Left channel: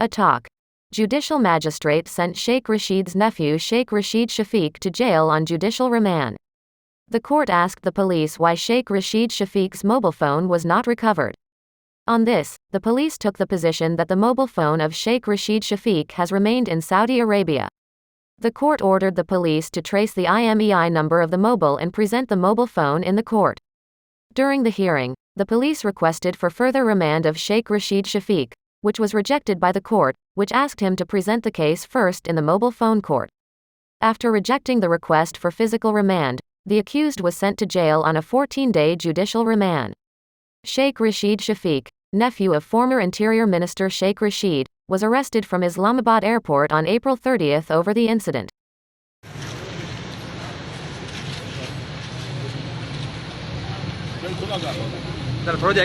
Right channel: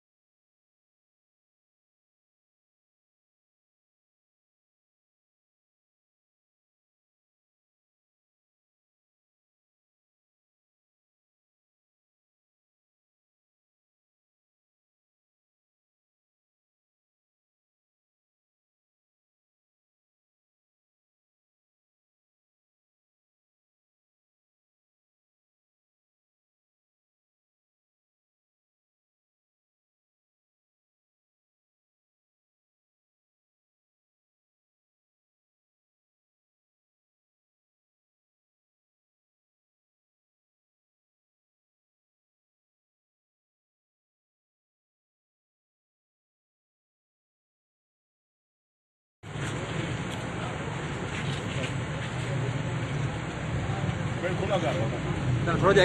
A talk. Judicial magistrate sent Sheikh Rashid's nephew Sheikh Rashid Shafiq to jail on judicial remand. The court asked the police why Sheikh Rashid Shafiq's mobile phone was not recovered. On this, the police took the position that the mobile phone of Sheikh Rashid Shafiq has remained in Saudi Arabia. The court ordered the police to trace the IMEI number of the mobile and present the mobile phone in the court. During the hearing, the police requested for further remand of Sheikh Rashid Shafiq, which was rejected by the court, which asked him to present the case first in the mobile phone court. After rejecting the request for physical remand, the accused was sent to jail on a 14-day judicial remand. Sheikh Rashid Shafiq, nephew of former Interior Minister Sheikh Rashid, was arrested from Islamabad airport on April 30th over the incident. थोड़ा